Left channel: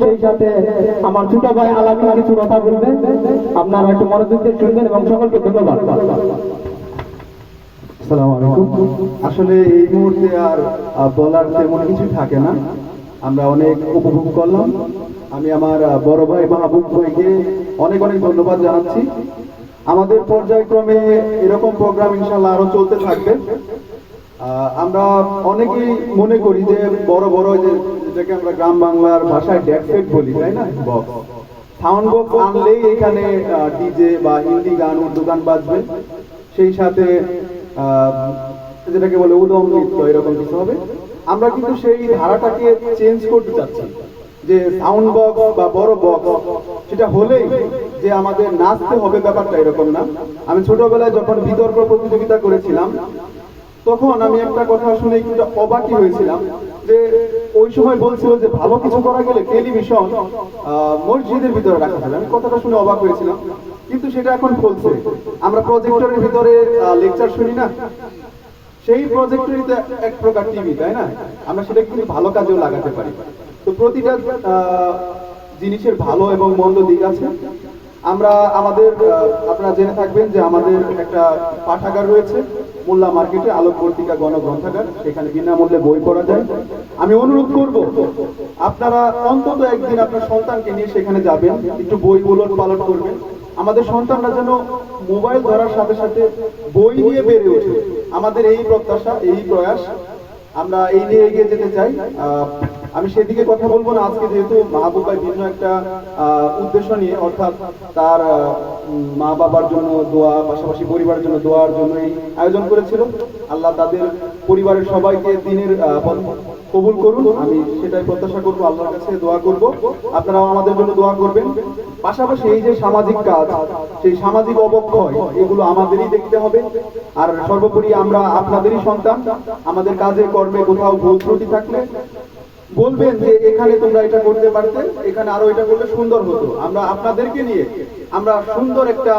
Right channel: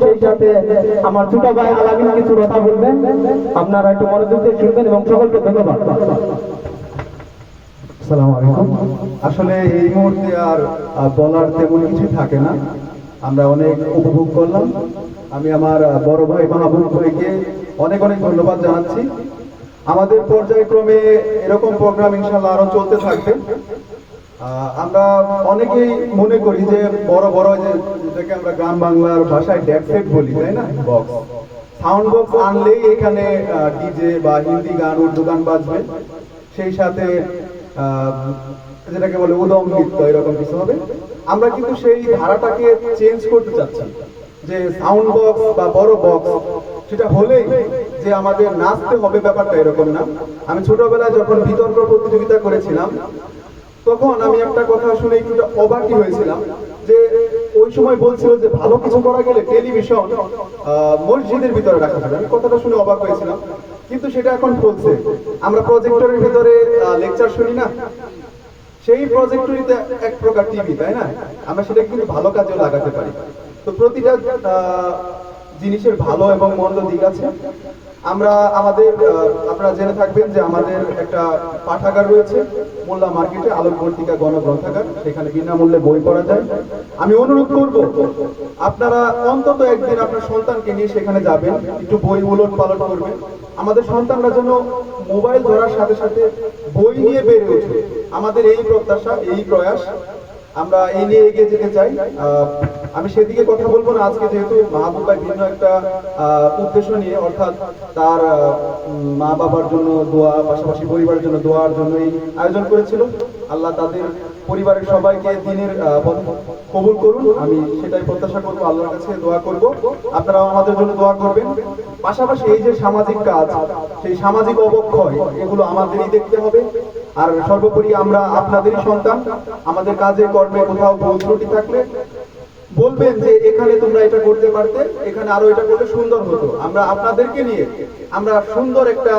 সেই সাথে আমার ছোট ভাই আলামিন কিছু কথা বলবেন। আপনারা একটু মনোযোগ দিয়ে শুনবেন এবং সকলকে ধন্যবাদ। আসলে এই মুহূর্তে আর বলার তেমন কিছু থাকে না। আমরা অনেক উপভোগ করলাম। আমি আমার বড় ভাই মাহবুব ভাইকে অনেক অনেক ধন্যবাদ জানাচ্ছি। আমাদের পর্যায়ক্রমে এরকম প্রোগ্রাম ইনশাল্লাহ আরও চলতে থাকবে। আমরা অনেকেই মনে করি যে বড় বড় যে যেটাকে আমরা গ্রাম বাংলার ভাষায় ডেকসেট বলি, তাই না? বক্স সাউন্ড বক্স আনলেই এখানে ডিজে বা হিন্দি গান উর্দু গান বাজবে। সেই সাথে যেটাকে বলে উদম নৃত্য, এরকম কিছু হবে। আমরা কিন্তু সেই ধারাটাকে চেঞ্জ করতে চাচ্ছি। যে সাউন্ড বক্স বা বড় বক্স সেটা হলেই যে আমাদের নাচতে হবে ব্যাপারটা এরকম না। আমি ছোটবেলায় যখন বিতর্ক প্রতিযোগিতা করেছিলাম তখন আমি একটা কথা শুনে একটু অবাকই হয়েছিলাম যে ওই সময় বলছিল যে ভালো কিছু করা গেলে টেলিভিশন মসজিদের ভিতরে রাখা যাবে। আমি কথাটা শুনে অবাক হয়েছিলাম। কিন্তু সেটা এখন চলছে আমরা প্রজেক্টরের ভিতরে লেকচার শুনি না? সেই প্রজেক্টরই তো এক প্রকার টিভি তাই না? আমরা সেটা কিন্তু ভালো কাজেও লাগাতে পারি। তো প্রতিটা জিনিসের ভালো এবং মন্দ দিক আছে। আমরা আমাদের আপনারা জেনে থাকবেন যে আমাদের একটা পাঠাগার রয়েছে, মোল্লা মার্কেটে আলোকবর্তিকা গণগ্রন্থাগার। সেখানে বিনামূল্যে বই পড়া যায়। আমি অনুরোধ করব, আপনারা অন্তত একদিন আপনার সন্তানকে নিয়ে সেখানে যাবেন, একটু বই উলট পালট করবেন। আমাদের সন্তানরা যেন মোবাইল ধরার সাথে সাথে বই নিয়ে বেড়ে ওঠে। আমাদের এই প্রত্যাশা, এই প্রয়াস, আমরা এই নিয়ে এগিয়ে যেতে চাই। আমি সেদিকে কথা বলব না। আজকে যেহেতু মাহবুব ভাই ভিন্ন একটা উদ্দেশ্য নিয়ে, অর্থাৎ তার মা বাবার জন্য দোয়া, পাশাপাশি পরিবারের জন্য দোয়ার জন্য এই আয়োজন করেছিল। আল্লাহ তাদের পরিবারের সবাইকে দিনের কবুল করুন। আমি সেটাই প্রত্যাশা করব, আল্লাহর কাছে দোয়া করব। আপনারাও আমাদের জন্য দোয়া করবেন। পাশাপাশি এই যে সামাজিক কাজ, সেই সামাজিক অবক্ষয়, এগুলো আমাদেরই দেখতে হবে। আর সর্বোপরি আমরা আপনাদেরই সন্তান। আমাদের কাজে, কর্মে কোথাও ভুল ত্রুটি থাকলে বলবেন যে এখানে তোমরা এটা করতে পারতে, এখানে আরও এটা করলে সুন্দর হতো। আমরা আপনাদেরকে নিয়ে আমরা সুন্দর একটা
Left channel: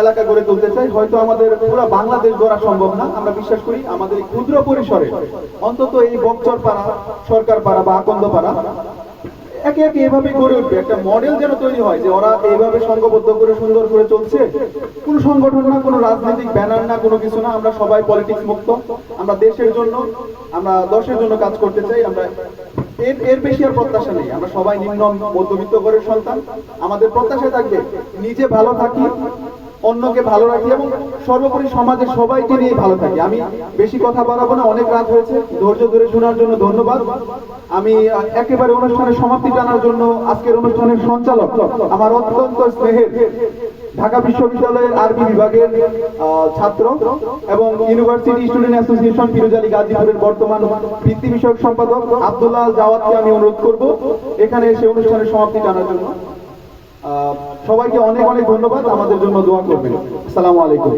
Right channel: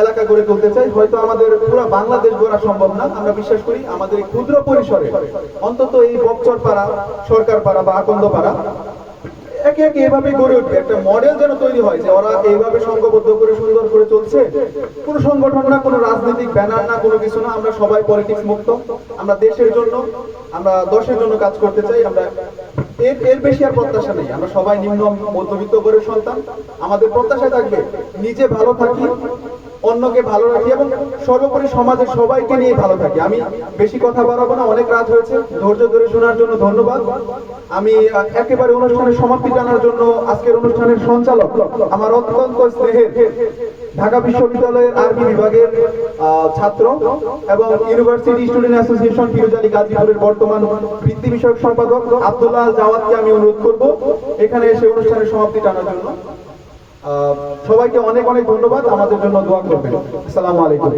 এলাকা গড়ে তুলতে চাই। হয়তো আমাদের পুরো বাংলাদেশ গড়া সম্ভব না। আমরা বিশ্বাস করি আমাদের ক্ষুদ্র পরিসরে অন্তত এই বকচর পাড়া সরকার পাড়া বা আকন্দ পাড়া একে একে এভাবে গড়ে উঠবে। একটা মডেল যেন তৈরি হয়, যে ওরা এইভাবে সংঘবদ্ধ করে, সুন্দর করে চলছে। কোনো সংগঠন না, কোনো রাজনৈতিক ব্যানার না, কোনো কিছু না, আমরা সবাই পলিটিক্স মুক্ত। আমরা দেশের জন্য, আমরা দশের জন্য কাজ করতে চাই, আমরা এর এর বেশি আর প্রত্যাশা নেই। আমরা সবাই নিম্ন, মধ্যবিত্ত করে সন্তান। আমাদের প্রত্যাশা থাকবে, নিজে ভালো থাকি অন্যকে ভালো রাখি এবং সর্বোপরি সমাজের সবাইকে নিয়ে ভালো থাকি। আমি বেশি কথা বাড়াবো না, অনেক রাত হয়েছে। ধৈর্য ধরে শোনার জন্য ধন্যবাদ। আমি একেবারে অনুষ্ঠানের সমাপ্তি টানার জন্য আজকের অনুষ্ঠানের সঞ্চালক আমার অত্যন্ত স্নেহের ঢাকা বিশ্ববিদ্যালয়ের আরবি বিভাগের ছাত্র এবং ইউনিভার্সিটি স্টুডেন্ট অ্যাসোসিয়েশন ফিরোজালি গাজীপুরের বর্তমান বৃত্তি বিষয়ক সম্পাদক আব্দুল্লাহ জাওয়াদকে আমি অনুরোধ করব এখানে এসে অনুষ্ঠানের সমাপ্তি টানার জন্য। সবাইকে অনেক অনেক ধন্যবাদ। আমাদের জন্য দোয়া করবেন। আসসালামু আলাইকুম।